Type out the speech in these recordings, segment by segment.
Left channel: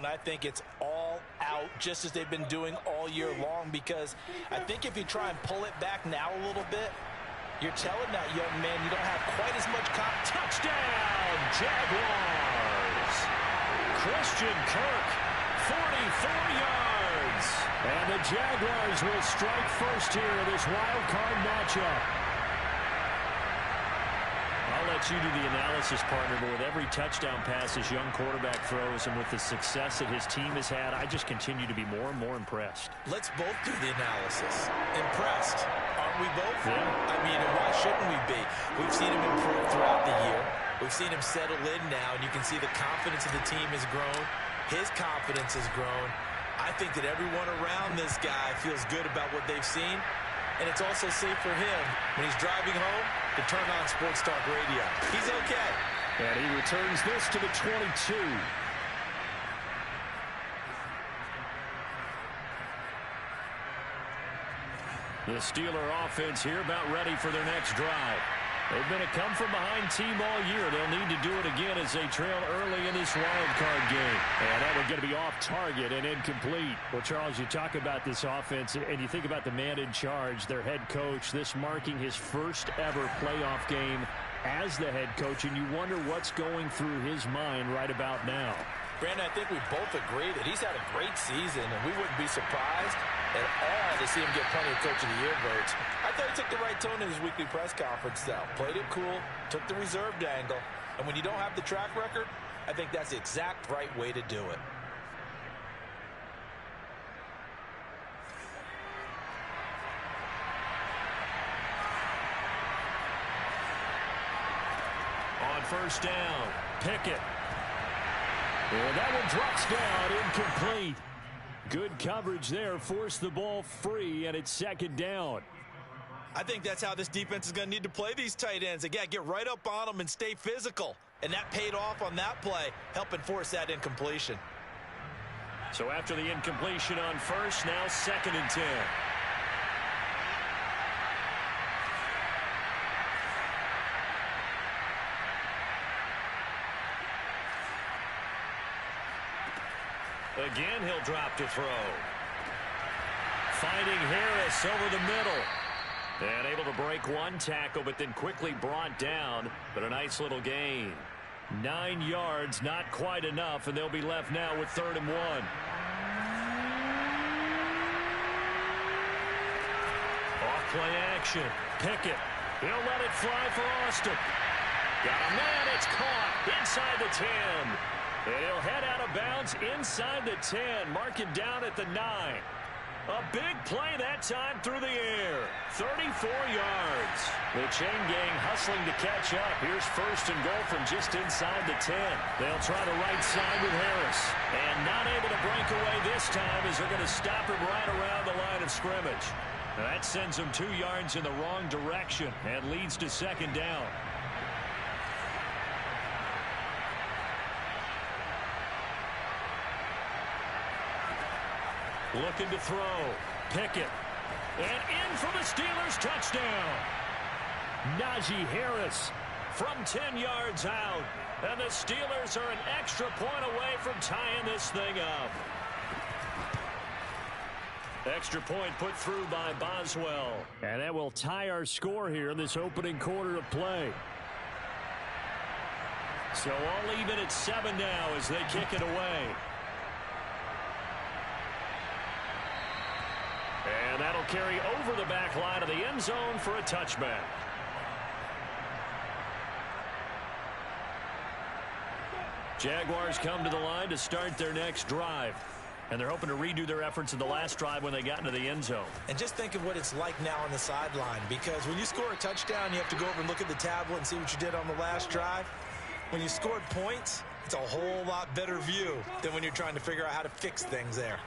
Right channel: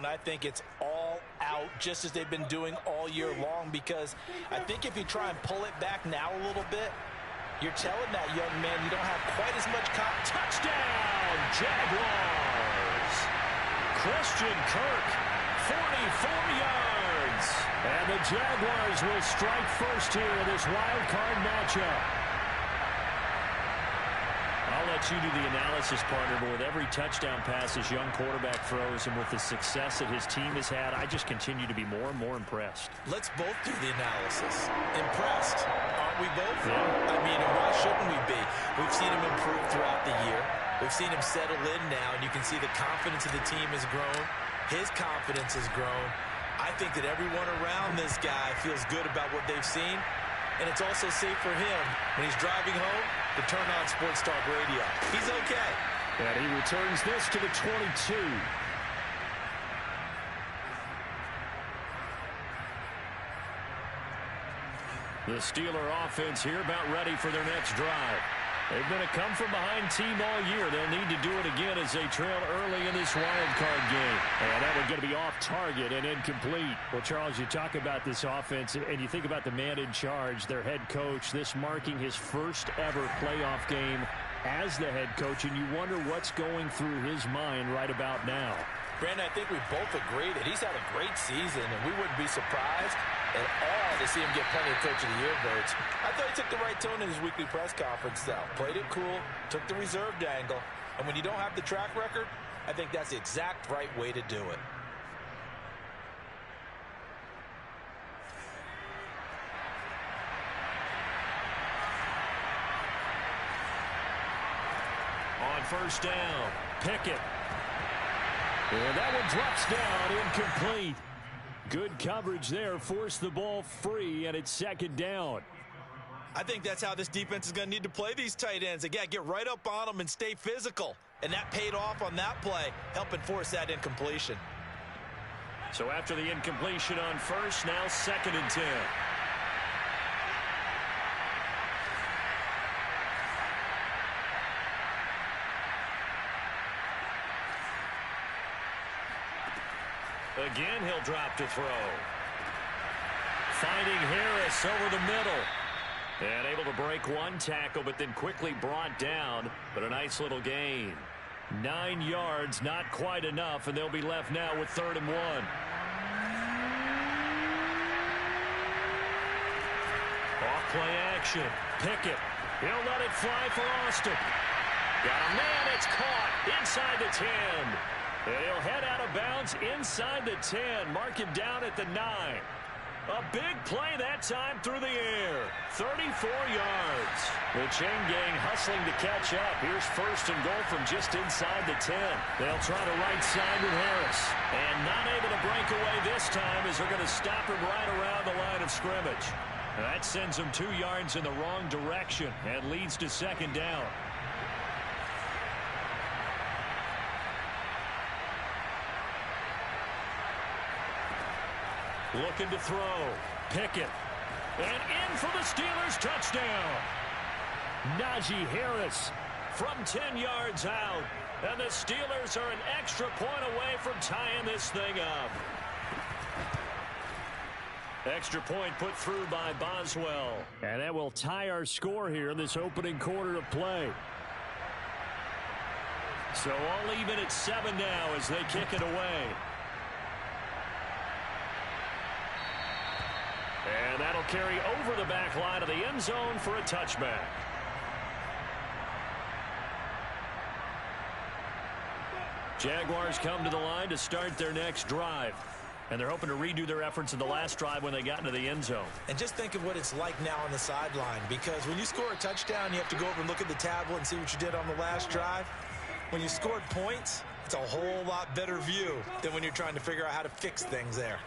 and I think it's all out, just as they've been doing all year long, because I think if you try and pull it back now a little bit, you're telling that young man you don't have quite as much touchdown, Jaguars! Christian Kirk, 44 yards. And the Jaguars will strike first here in this wild card matchup. I'll let you do the analysis, partner, but with every touchdown pass this young quarterback throws and with the success that his team has had, I just continue to be more and more impressed. Let's both do the analysis. Impressed, aren't we both? Yeah. I mean, and why shouldn't we be? We've seen him improve throughout the year. We've seen him settle in now, and you can see the confidence of the team has grown. His confidence has grown. I think that everyone around this guy feels good about what they've seen, and it's also safe for him when he's driving home to turn on Sports Talk Radio. He's okay. And he returns this to the 22. The Steeler offense here about ready for their next drive. They've been a come-from-behind team all year. They'll need to do it again as they trail early in this wild card game. And that one's going to be off target and incomplete. Well, Charles, you talk about this offense, and you think about the man in charge, their head coach, this marking his first ever playoff game as the head coach, and you wonder what's going through his mind right about now. Brandon, I think we both agree that he's had a great season, and we wouldn't be surprised at all to see him get plenty of Coach of the Year votes. I thought he took the right tone in his weekly press conference, though. Played it cool, took the reserved angle, and when you don't have the track record, I think that's the exact right way to do it. On first down, Pickett. And that one drops down, incomplete. Good coverage there, forced the ball free, and it's second down. I think that's how this defense is going to need to play these tight ends. They got to get right up on them and stay physical. And that paid off on that play, helping force that incompletion. So after the incompletion on first, now 2nd and 10. Again, he'll drop to throw. Finding Harris over the middle. And able to break one tackle, but then quickly brought down. But a nice little gain. 9 yards, not quite enough, and they'll be left now with 3rd and 1. Off play action. Pickett. He'll let it fly for Austin. Got a man, it's caught inside the 10. And he'll head out of bounds inside the 10, marking down at the 9. A big play that time through the air. 34 yards. The chain gang hustling to catch up. Here's 1st and goal from just inside the 10. They'll try the right side with Harris. And not able to break away this time as they're going to stop him right around the line of scrimmage. That sends him 2 yards in the wrong direction and leads to 2nd down. Looking to throw. Pickett. And in for the Steelers touchdown. Najee Harris from 10 yards out. And the Steelers are an extra point away from tying this thing up. Extra point put through by Boswell. And that will tie our score here in this opening quarter of play. So all even at 7 now as they kick it away. And that'll carry over the back line of the end zone for a touchback. Jaguars come to the line to start their next drive. And they're hoping to redo their efforts in the last drive when they got into the end zone. And just think of what it's like now on the sideline, because when you score a touchdown, you have to go over and look at the tablet and see what you did on the last drive. When you scored points, it's a whole lot better view than when you're trying to figure out how to fix things there.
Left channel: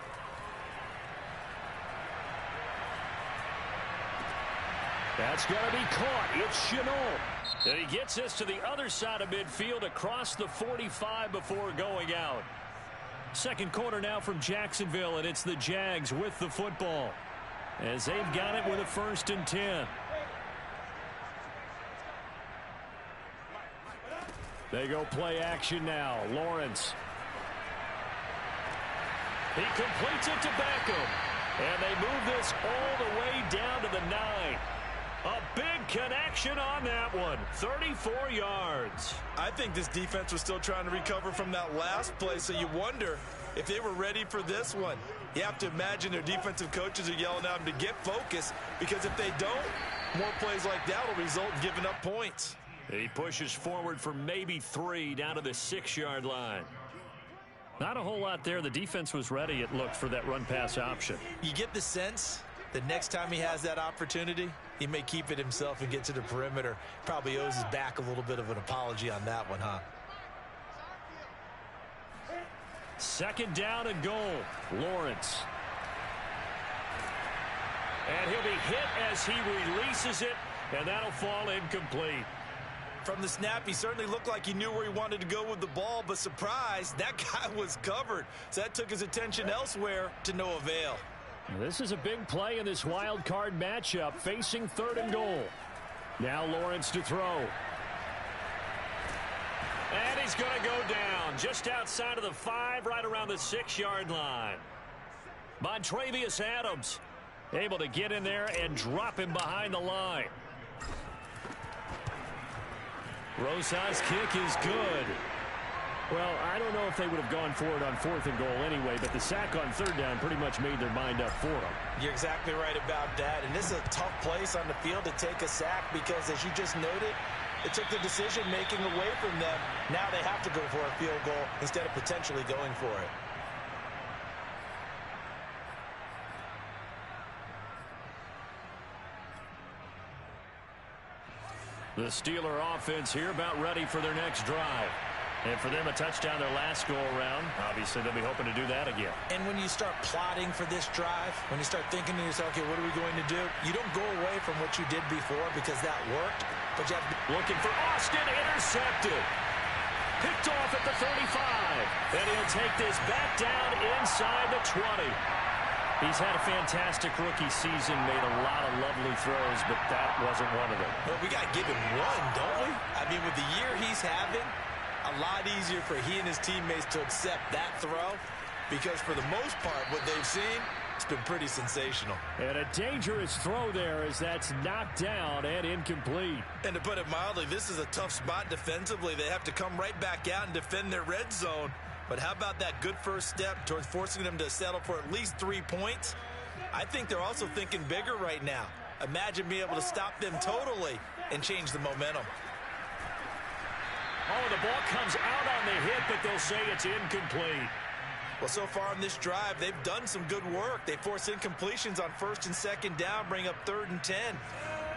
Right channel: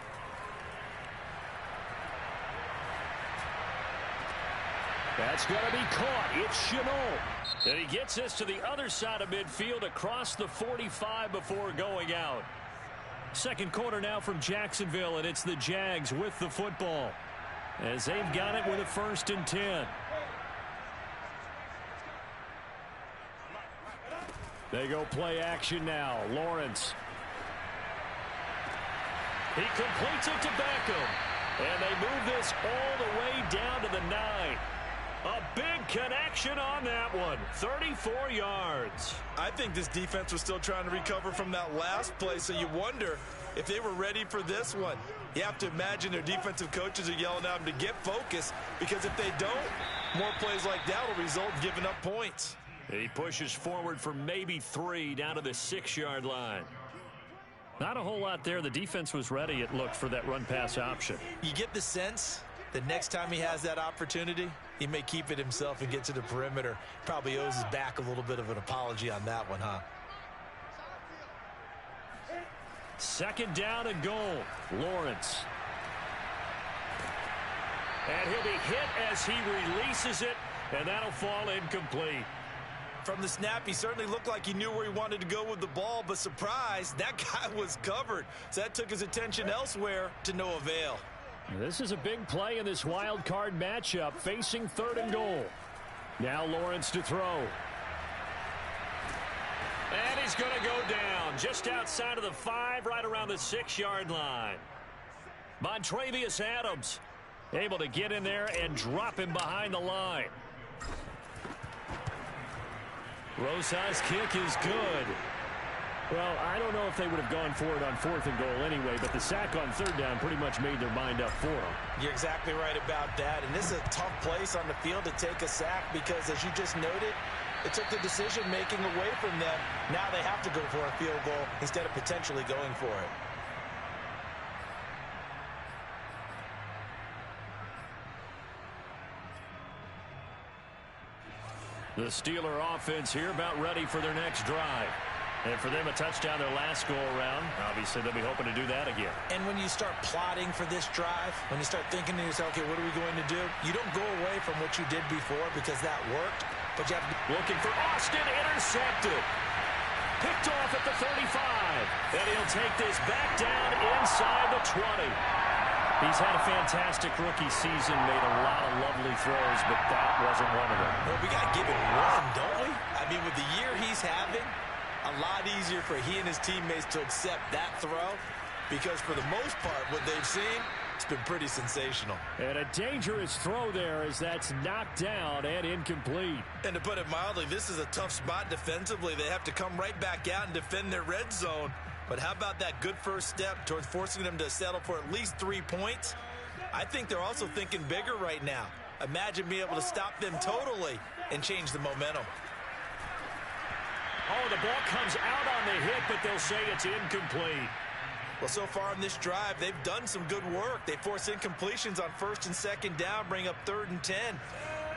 That's going to be caught. It's Chenault. And he gets this to the other side of midfield across the 45 before going out. Second quarter now from Jacksonville, and it's the Jags with the football as they've got it with a 1st and 10. They go play action now. Lawrence. He completes it to Beckham. And they move this all the way down to the 9. A big connection on that one. 34 yards. I think this defense was still trying to recover from that last play, so you wonder if they were ready for this one. You have to imagine their defensive coaches are yelling at them to get focused, because if they don't, more plays like that will result in giving up points. He pushes forward for maybe 3 down to the 6-yard line. Not a whole lot there. The defense was ready, it looked, for that run-pass option. You get the sense that next time he has that opportunity, he may keep it himself and get to the perimeter. Probably owes his back a little bit of an apology on that one, huh? Second down and goal. Lawrence. And he'll be hit as he releases it, and that'll fall incomplete. From the snap, he certainly looked like he knew where he wanted to go with the ball, but surprise, that guy was covered. So that took his attention elsewhere to no avail. This is a big play in this wild card matchup, facing 3rd and goal. Now Lawrence to throw. And he's going to go down just outside of the 5, right around the 6-yard line. Montrevious Adams able to get in there and drop him behind the line. Rosa's kick is good. Well, I don't know if they would have gone for it on 4th and goal anyway, but the sack on 3rd down pretty much made their mind up for them. You're exactly right about that, and this is a tough place on the field to take a sack because, as you just noted, it took the decision-making away from them. Now they have to go for a field goal instead of potentially going for it. The Steeler offense here about ready for their next drive. And for them, a touchdown their last go-around. Obviously, they'll be hoping to do that again. And when you start plotting for this drive, when you start thinking to yourself, okay, what are we going to do? You don't go away from what you did before because that worked, but you have to be looking for Austin, intercepted. Picked off at the 35. And he'll take this back down inside the 20. He's had a fantastic rookie season, made a lot of lovely throws, but that wasn't one of them. Well, we got to give him one, don't we? I mean, with the year he's having, a lot easier for he and his teammates to accept that throw, because for the most part, what they've seen, it's been pretty sensational. And a dangerous throw there as that's knocked down and incomplete. And to put it mildly, this is a tough spot defensively. They have to come right back out and defend their red zone. But how about that good first step towards forcing them to settle for at least 3 points? I think they're also thinking bigger right now. Imagine being able to stop them totally and change the momentum. Oh, the ball comes out on the hit, but they'll say it's incomplete. Well, so far on this drive, they've done some good work. They force incompletions on 1st and 2nd down, bring up 3rd and 10.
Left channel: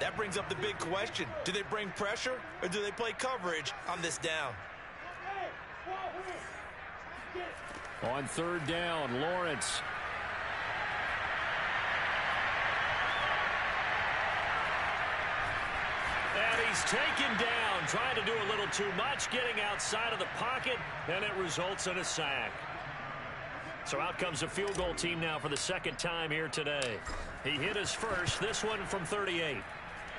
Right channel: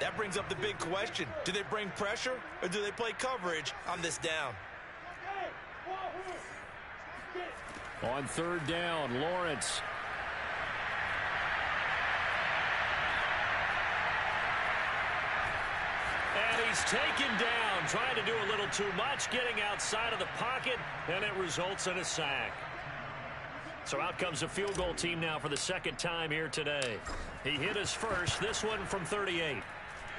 That brings up the big question. Do they bring pressure or do they play coverage on this down? On 3rd down, Lawrence. And he's taken down, trying to do a little too much, getting outside of the pocket, and it results in a sack. So out comes the field goal team now for the 2nd time here today. He hit his first, this one from 38.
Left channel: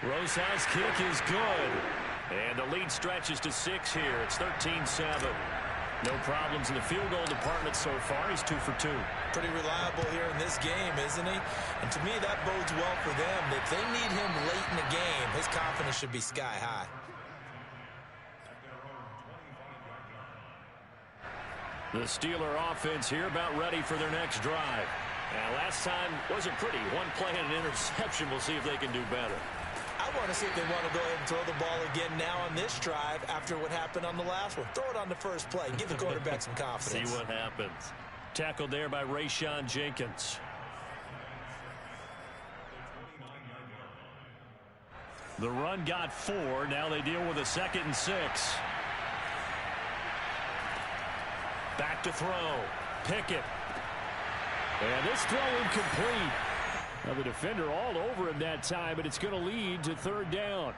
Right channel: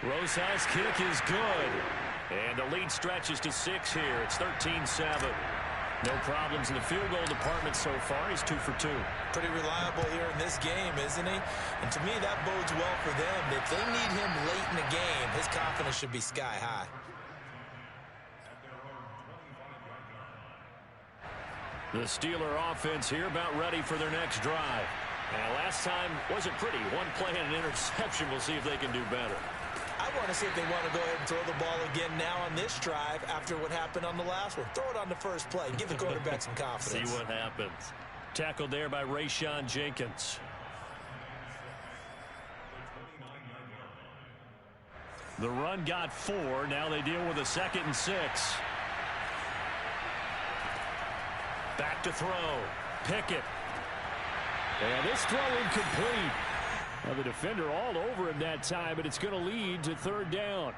Rosa's kick is good. And the lead stretches to 6 here. It's 13-7. No problems in the field goal department so far. He's 2 for 2. Pretty reliable here in this game, isn't he? And to me, that bodes well for them. If they need him late in the game, his confidence should be sky high. The Steeler offense here about ready for their next drive. And last time wasn't pretty. 1 play and an interception. We'll see if they can do better. I want to see if they want to go ahead and throw the ball again now on this drive after what happened on the last one. Throw it on the first play. Give the quarterback some confidence. See what happens. Tackled there by Rayshon Jenkins. The run got 4. Now they deal with a 2nd and 6. Back to throw. Pickett. And this throw incomplete. Now the defender all over him that time, but it's going to lead to 3rd down.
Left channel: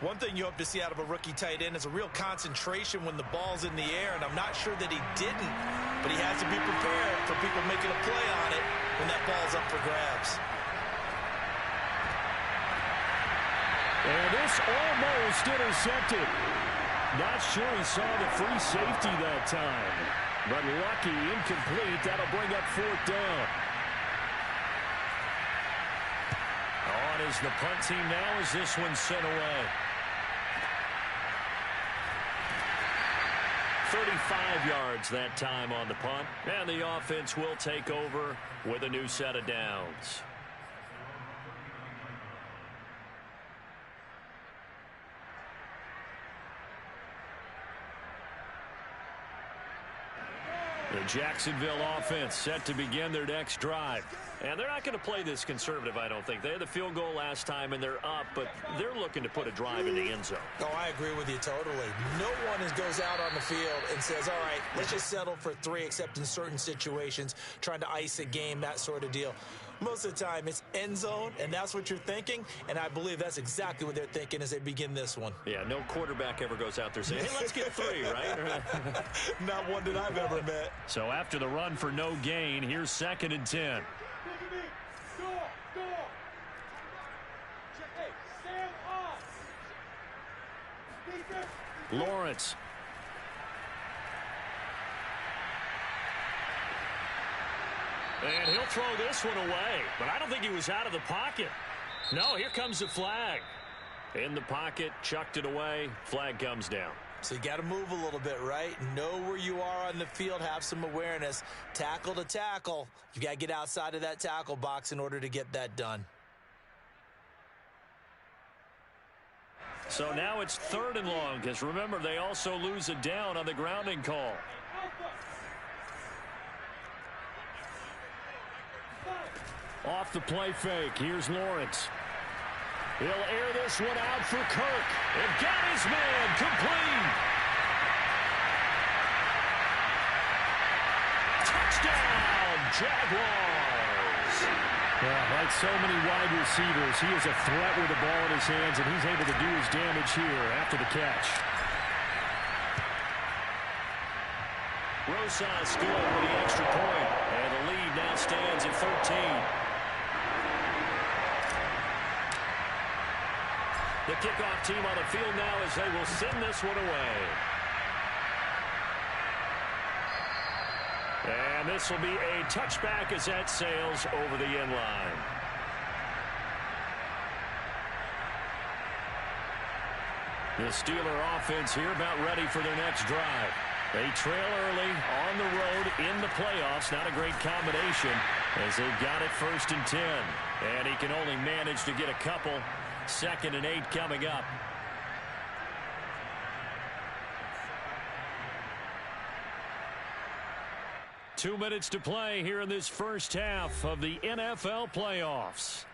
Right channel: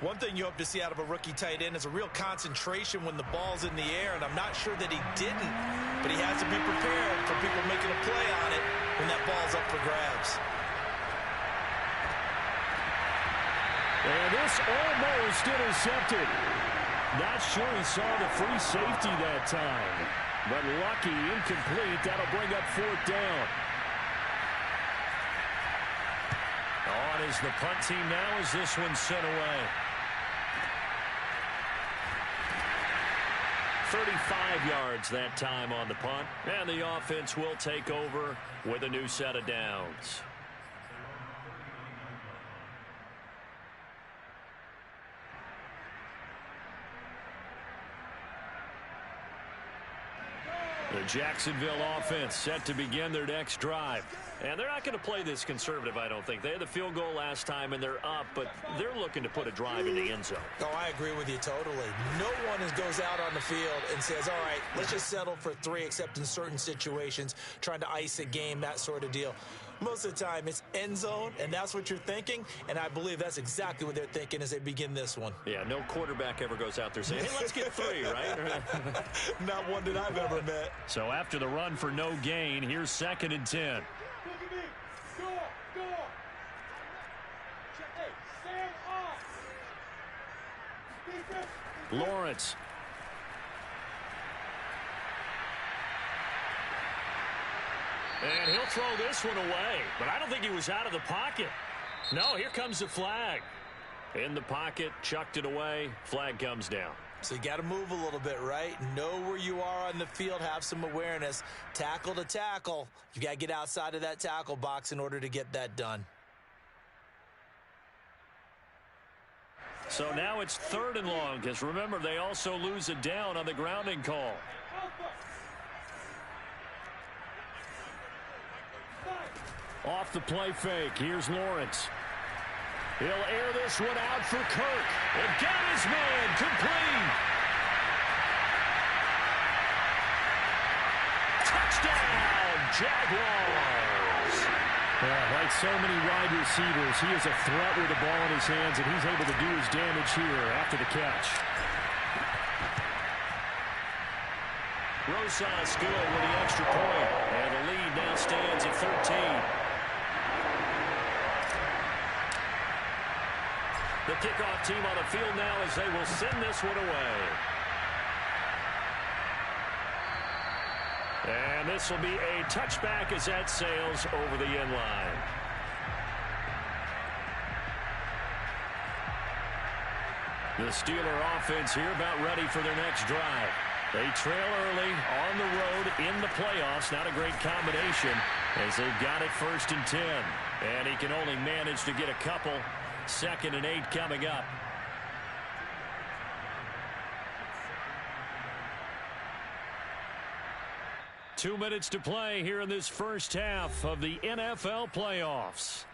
One thing you hope to see out of a rookie tight end is a real concentration when the ball's in the air, and I'm not sure that he didn't, but he has to be prepared for people making a play on it when that ball's up for grabs. And this almost intercepted. Not sure he saw the free safety that time. But lucky, incomplete. That'll bring up 4th down. On is the punt team now as this one's sent away. 35 yards that time on the punt. And the offense will take over with a new set of downs. The Jacksonville offense set to begin their next drive. And they're not going to play this conservative, I don't think. They had the field goal last time, and they're up, but they're looking to put a drive in the end zone. Oh, I agree with you totally. No one goes out on the field and says, all right, let's just settle for 3, except in certain situations, trying to ice a game, that sort of deal. Most of the time, it's end zone, and that's what you're thinking, and I believe that's exactly what they're thinking as they begin this one. Yeah, no quarterback ever goes out there saying, hey, let's get 3, right? Not one that I've ever met. So after the run for no gain, here's 2nd and 10. Lawrence. And he'll throw this one away, but I don't think he was out of the pocket. No, here comes the flag. In the pocket, chucked it away, flag comes down. So you got to move a little bit, right? Know where you are on the field, have some awareness. Tackle to tackle. You got to get outside of that tackle box in order to get that done. So now it's 3rd and long, because remember, they also lose a down on the grounding call. Off the play fake, here's Lawrence. He'll air this one out for Kirk. And got his man complete. Touchdown, Jaguars. Like so many wide receivers, he is a threat with the ball in his hands, and he's able to do his damage here after the catch. Rosas good with the extra point, and the lead now stands at 13. The kickoff team on the field now as they will send this one away. And this will be a touchback as that sails over the end line. The Steeler offense here about ready for their next drive. They trail early on the road in the playoffs. Not a great combination as they've got it 1st and 10. And he can only manage to get a couple. 2nd and 8 coming up. Two minutes to play here in this first half of the NFL playoffs.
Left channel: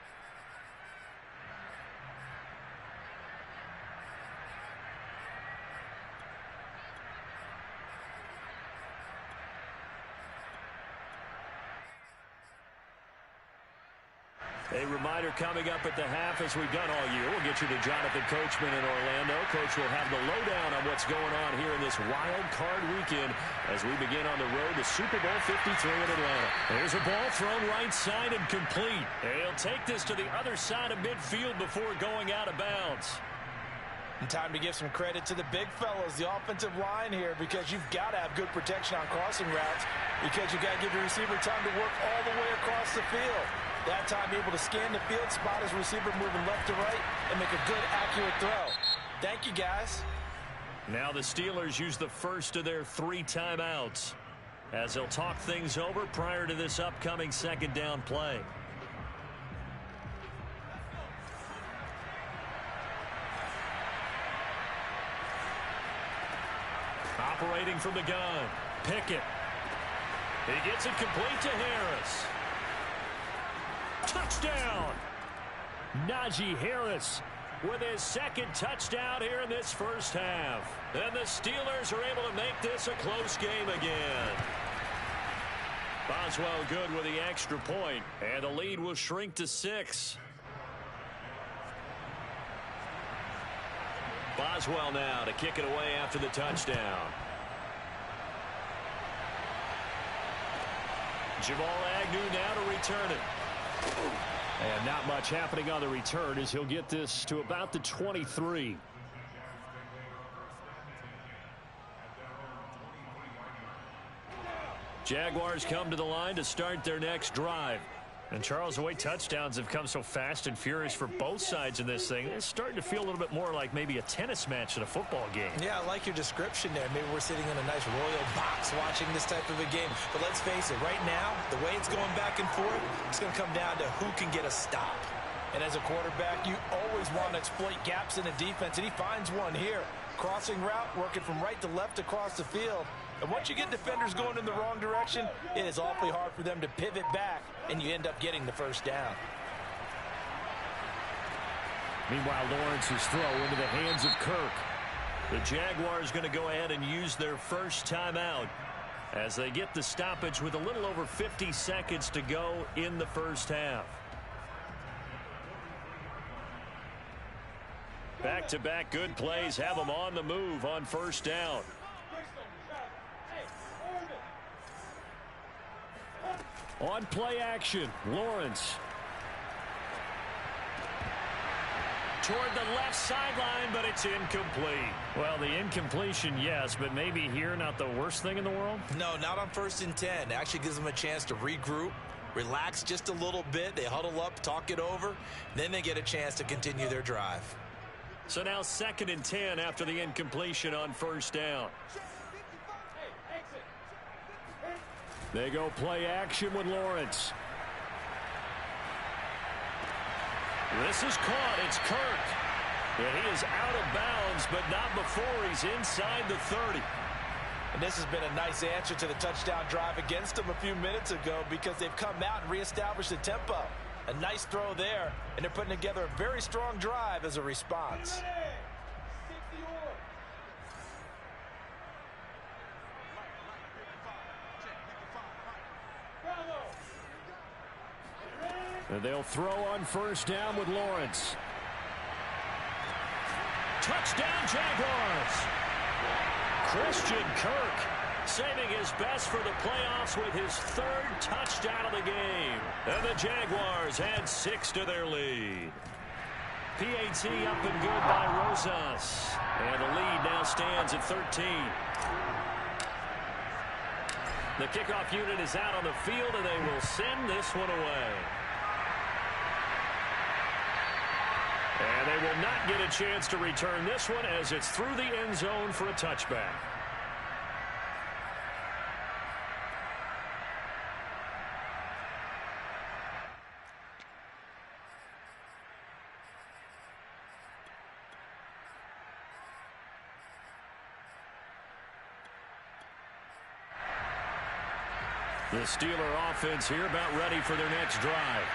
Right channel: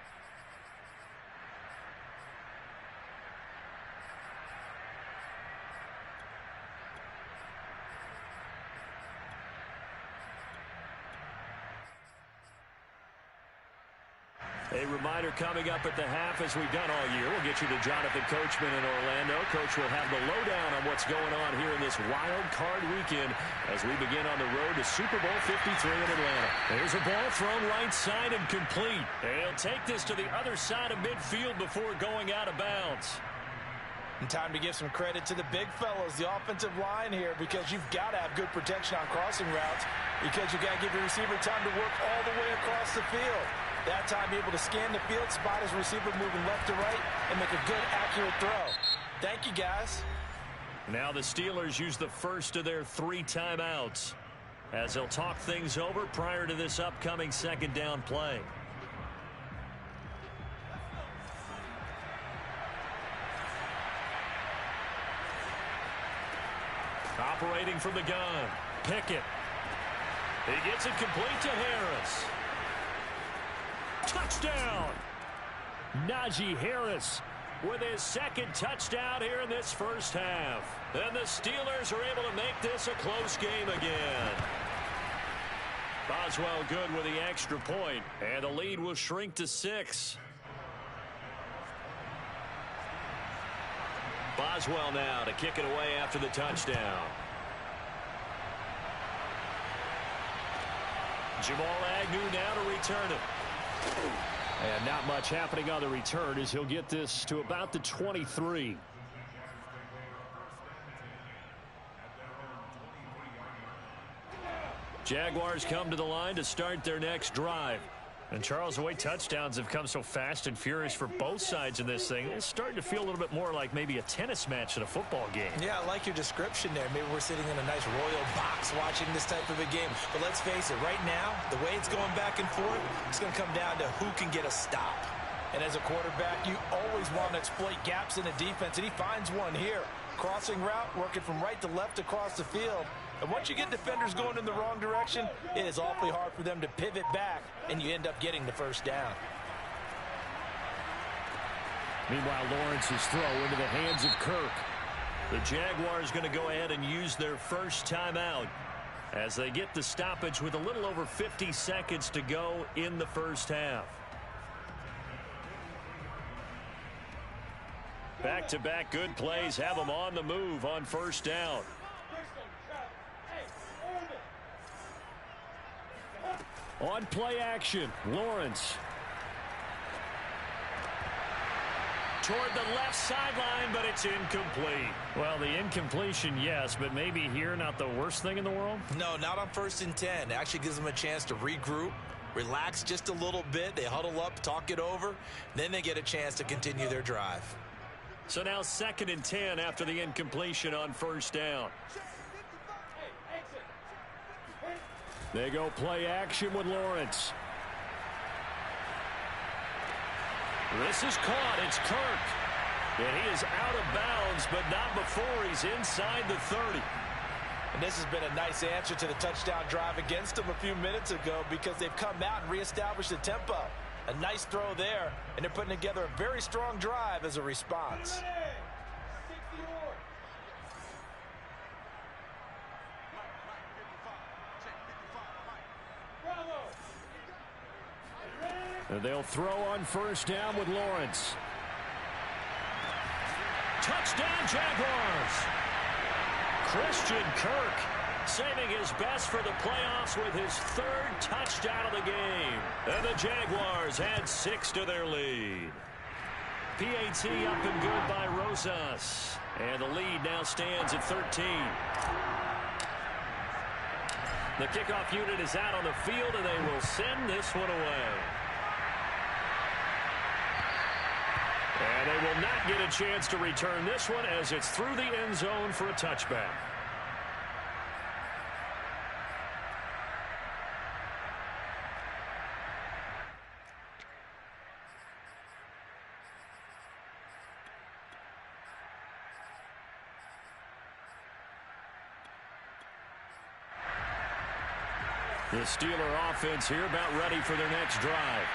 A reminder coming up at the half, as we've done all year. We'll get you to Jonathan Coachman in Orlando. Coach will have the lowdown on what's going on here in this wild card weekend as we begin on the road to Super Bowl 53 in Atlanta. There's a ball thrown right side and complete. He'll take this to the other side of midfield before going out of bounds. And time to give some credit to the big fellows, the offensive line here, because you've got to have good protection on crossing routes, because you've got to give your receiver time to work all the way across the field. That time, be able to scan the field, spot his receiver moving left to right, and make a good, accurate throw. Thank you, guys. Now the Steelers use the first of their 3 timeouts as they'll talk things over prior to this upcoming 2nd down play. Operating from the gun, Pickett. He gets it complete to Harris. Touchdown! Najee Harris with his 2nd touchdown here in this first half. And the Steelers are able to make this a close game again. Boswell good with the extra point, and the lead will shrink to 6. Boswell now to kick it away after the touchdown. Jamal Agnew now to return it. And not much happening on the return as he'll get this to about the 23. Jaguars come to the line to start their next drive. And, Charles, the way touchdowns have come so fast and furious for both sides in this thing, it's starting to feel a little bit more like maybe a tennis match than a football game. Yeah, I like your description there. Maybe we're sitting in a nice royal box watching this type of a game. But let's face it, right now, the way it's going back and forth, it's going to come down to who can get a stop. And as a quarterback, you always want to exploit gaps in the defense, and he finds one here. Crossing route, working from right to left across the field. And once you get defenders going in the wrong direction, it is awfully hard for them to pivot back, and you end up getting the first down. Meanwhile, Lawrence's throw into the hands of Kirk. The Jaguars going to go ahead and use their first timeout as they get the stoppage with a little over 50 seconds to go in the first half. Back-to-back good plays have them on the move on first down. On play action, Lawrence. Toward the left sideline, but it's incomplete. Well, the incompletion, yes, but maybe here not the worst thing in the world? No, not on 1st and 10. It actually gives them a chance to regroup, relax just a little bit. They huddle up, talk it over. Then they get a chance to continue their drive. So now 2nd and 10 after the incompletion on first down. They go play action with Lawrence. This is caught. It's Kirk. And he is out of bounds, but not before he's inside the 30. And this has been a nice answer to the touchdown drive against them a few minutes ago because they've come out and reestablished the tempo. A nice throw there, and they're putting together a very strong drive as a response. And they'll throw on first down with Lawrence. Touchdown, Jaguars. Christian Kirk saving his best for the playoffs with his 3rd touchdown of the game. And the Jaguars add 6 to their lead. PAT up and good by Rosas. And the lead now stands at 13. The kickoff unit is out on the field, and they will send this one away. And they will not get a chance to return this one as it's through the end zone for a touchback. The Steeler offense here about ready for their next drive.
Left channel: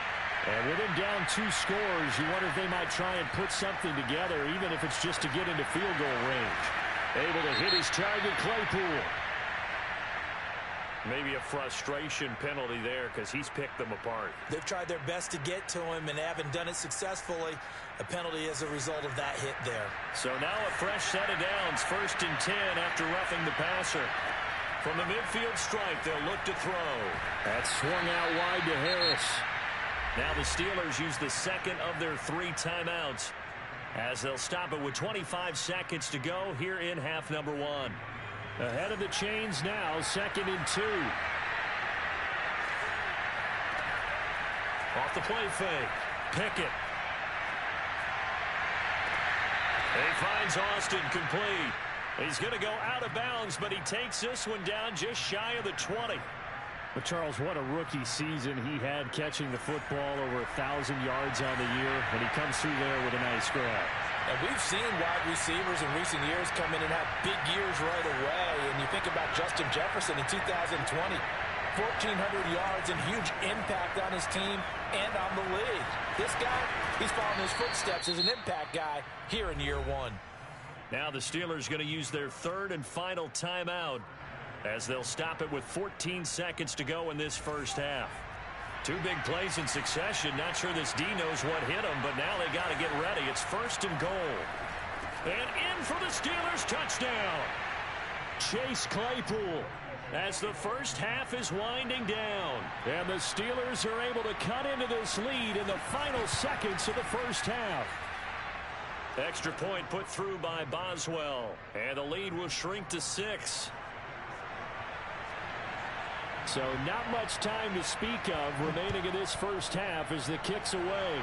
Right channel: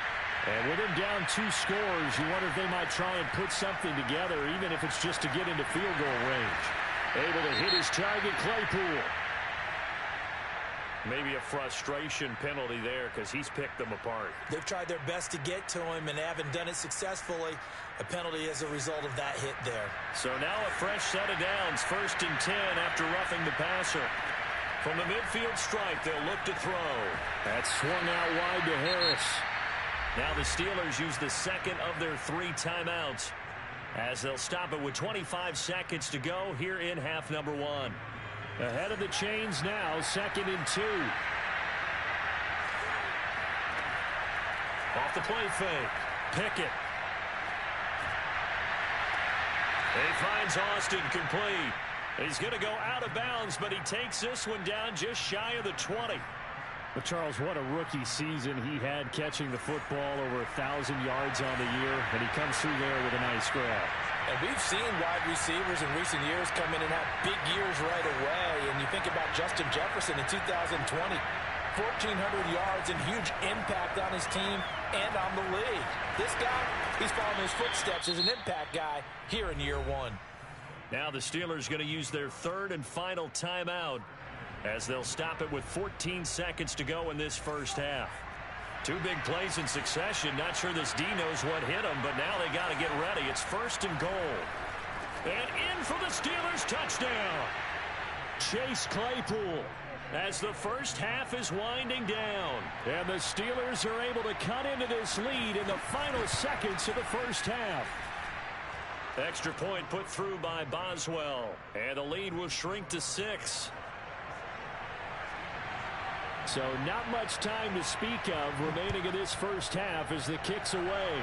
And with him down 2 scores, you wonder if they might try and put something together, even if it's just to get into field goal range. Able to hit his target, Claypool. Maybe a frustration penalty there because he's picked them apart. They've tried their best to get to him and haven't done it successfully. A penalty as a result of that hit there. So now a fresh set of downs, 1st and 10 after roughing the passer. From the midfield stripe, they'll look to throw. That's swung out wide to Harris. Now the Steelers use the 2nd of their 3 timeouts as they'll stop it with 25 seconds to go here in half number 1. Ahead of the chains now, 2nd and 2. Off the play fake. Pickett. He finds Austin complete. He's going to go out of bounds, but he takes this one down just shy of the 20. But, Charles, what a rookie season he had catching the football, over 1,000 yards on the year, and he comes through there with a nice grab. And we've seen wide receivers in recent years come in and have big years right away. And you think about Justin Jefferson in 2020, 1,400 yards and huge impact on his team and on the league. This guy, he's following his footsteps as an impact guy here in year 1. Now the Steelers going to use their 3rd and final timeout as they'll stop it with 14 seconds to go in this first half. 2 big plays in succession. Not sure this D knows what hit them, but now they got to get ready. It's 1st and goal. And in for the Steelers touchdown. Chase Claypool as the first half is winding down. And the Steelers are able to cut into this lead in the final seconds of the first half. Extra point put through by Boswell. And the lead will shrink to 6. So not much time to speak of remaining in this first half as the kick's away.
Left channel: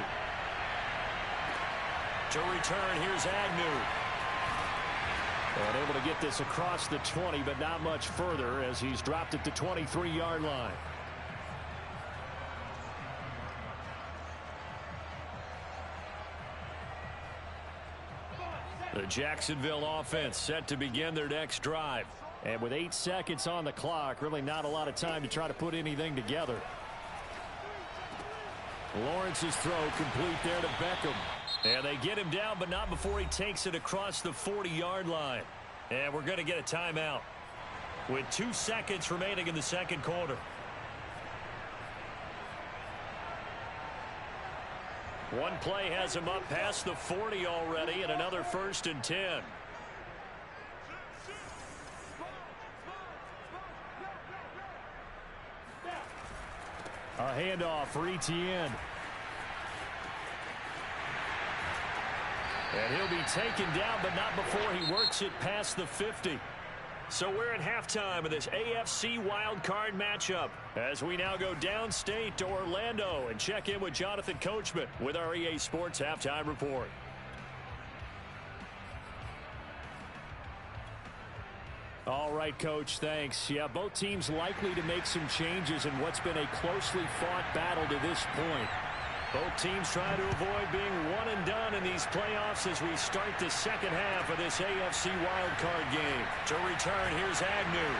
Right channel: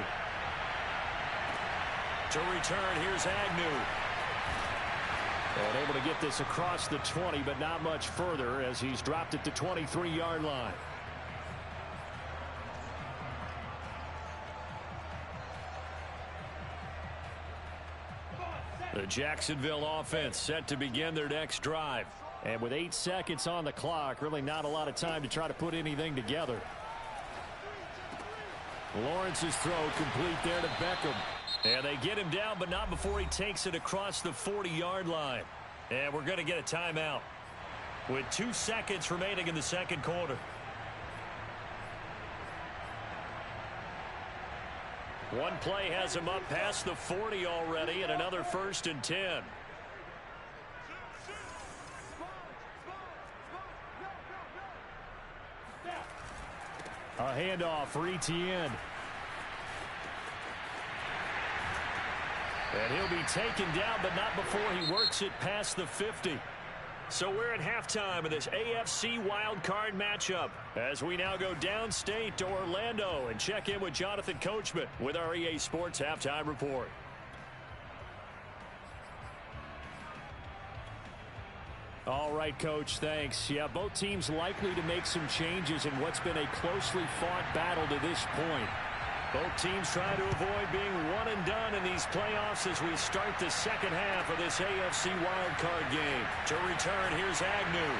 To return, here's Agnew. And able to get this across the 20, but not much further as he's dropped it to 23-yard line. The Jacksonville offense set to begin their next drive. And with 8 seconds on the clock, really not a lot of time to try to put anything together. Lawrence's throw complete there to Beckham. And they get him down, but not before he takes it across the 40-yard line. And we're going to get a timeout with 2 seconds remaining in the second quarter. One play has him up past the 40 already, and another 1st and 10. A handoff for Etienne. And he'll be taken down, but not before he works it past the 50. So we're at halftime of this AFC wildcard matchup as we now go downstate to Orlando and check in with Jonathan Coachman with our EA Sports Halftime Report. All right, Coach, thanks. Yeah, both teams likely to make some changes in what's been a closely fought battle to this point. Both teams trying to avoid being one and done in these playoffs as we start the second half of this AFC wildcard game. To return, here's Agnew.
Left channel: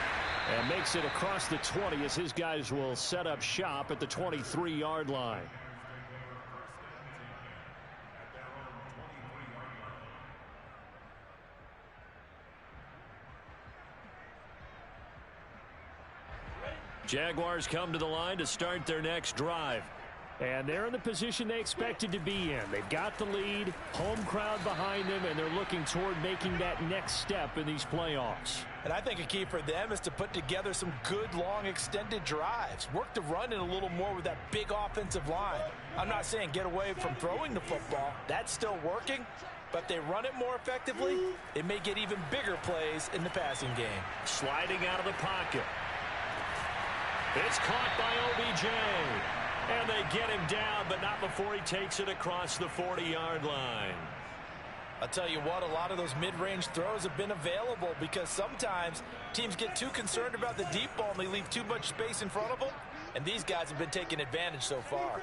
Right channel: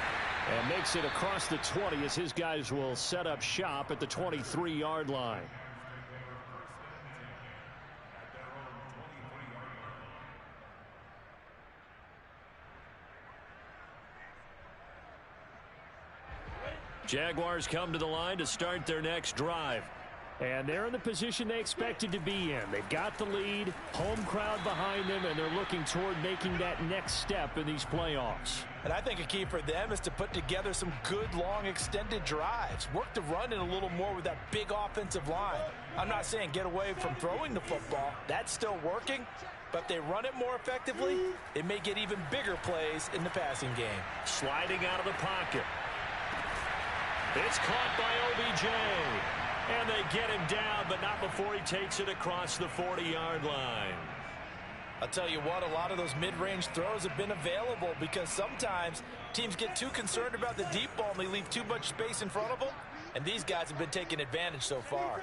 And makes it across the 20 as his guys will set up shop at the 23-yard line. Jaguars come to the line to start their next drive. And they're in the position they expected to be in. They've got the lead, home crowd behind them, and they're looking toward making that next step in these playoffs. And I think a key for them is to put together some good, long, extended drives. Work the run in a little more with that big offensive line. I'm not saying get away from throwing the football. That's still working. But if they run it more effectively, it may get even bigger plays in the passing game. Sliding out of the pocket. It's caught by OBJ. And they get him down, but not before he takes it across the 40-yard line. I'll tell you what, a lot of those mid-range throws have been available because sometimes teams get too concerned about the deep ball and they leave too much space in front of them. And these guys have been taking advantage so far.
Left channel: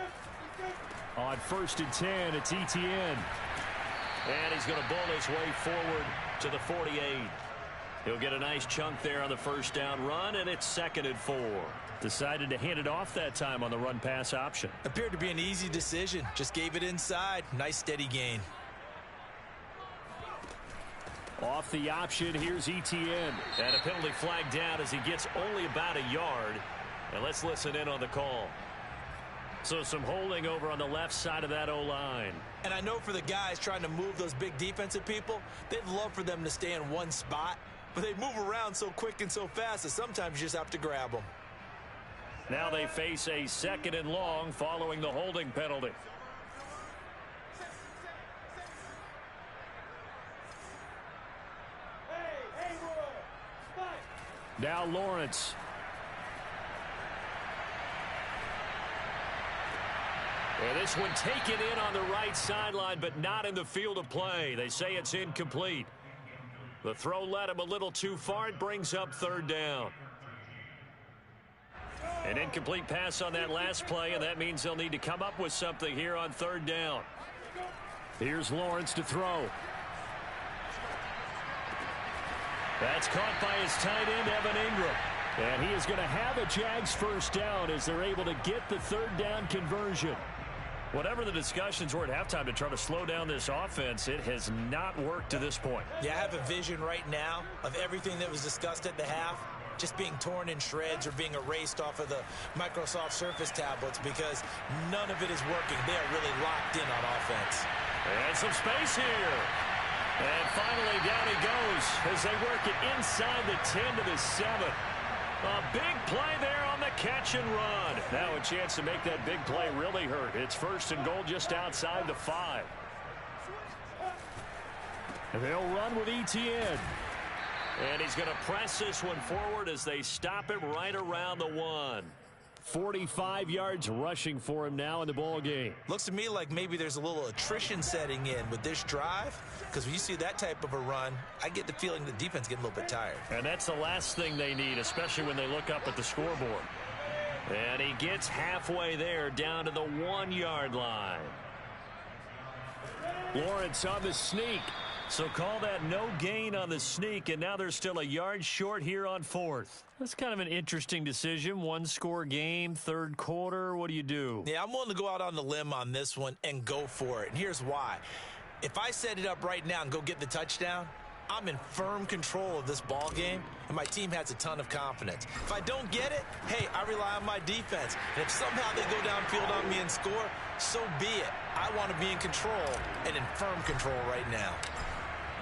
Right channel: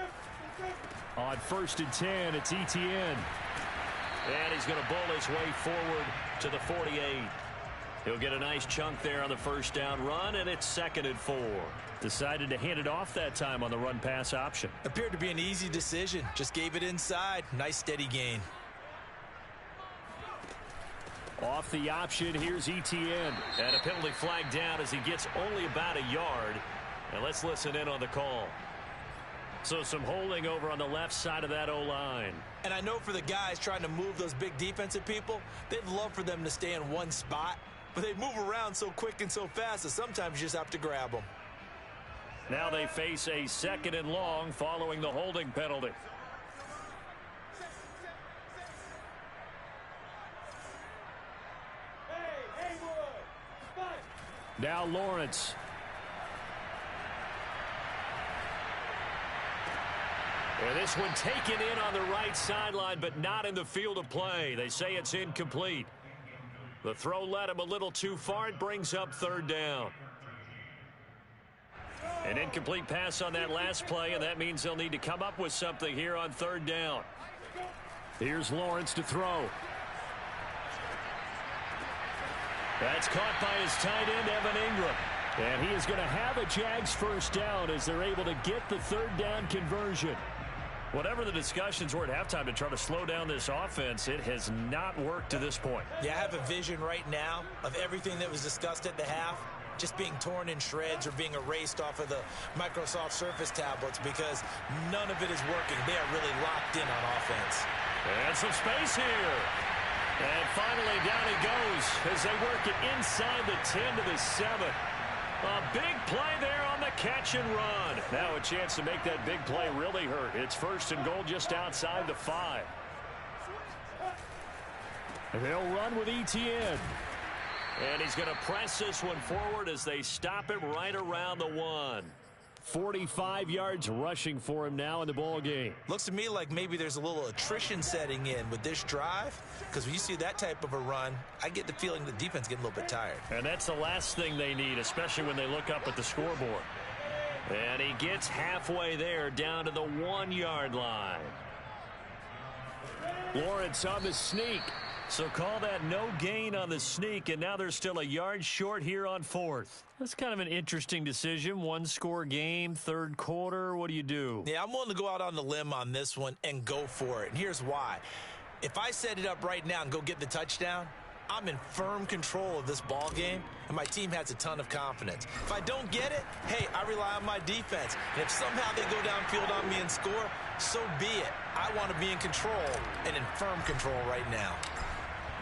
On 1st and 10, it's Etienne. And he's going to bull his way forward to the 48. He'll get a nice chunk there on the first down run, and it's 2nd and 4. Decided to hand it off that time on the run-pass option. Appeared to be an easy decision. Just gave it inside. Nice steady gain. Off the option, here's Etienne. And a penalty flag down as he gets only about a yard. And let's listen in on the call. So some holding over on the left side of that O-line. And I know for the guys trying to move those big defensive people, they'd love for them to stay in one spot. But they move around so quick and so fast that sometimes you just have to grab them. Now they face a 2nd and long following the holding penalty. Now Lawrence. And this one taken in on the right sideline, but not in the field of play. They say it's incomplete. The throw led him a little too far. It brings up 3rd down. An incomplete pass on that last play, and that means they'll need to come up with something here on 3rd down. Here's Lawrence to throw. That's caught by his tight end, Evan Ingram. And he is going to have a Jags first down as they're able to get the 3rd down conversion. Whatever the discussions were at halftime to try to slow down this offense, it has not worked to this point. Yeah, I have a vision right now of everything that was discussed at the half just being torn in shreds or being erased off of the Microsoft Surface tablets because none of it is working. They are really locked in on offense. And some space here. And finally down he goes as they work it inside the 10 to the 7. A big play there on the catch and run. Now a chance to make that big play really hurt. It's 1st and goal just outside the 5. And they'll run with Etienne. And he's going to press this one forward as they stop it right around the 1. 45 yards rushing for him now in the ball game. Looks to me like maybe there's a little attrition setting in with this drive, because when you see that type of a run, I get the feeling the defense getting a little bit tired. And that's the last thing they need, especially when they look up at the scoreboard. And he gets halfway there down to the 1-yard line. Lawrence on the sneak. So call that no gain on the sneak, and now they're still a yard short here on 4th. That's kind of an interesting decision. 1-score game, 3rd quarter. What do you do? Yeah, I'm willing to go out on the limb on this one and go for it. And here's why. If I set it up right now and go get the touchdown, I'm in firm control of this ball game, and my team has a ton of confidence. If I don't get it, hey, I rely on my defense. And if somehow they go downfield on me and score, so be it. I want to be in control and in firm control right now.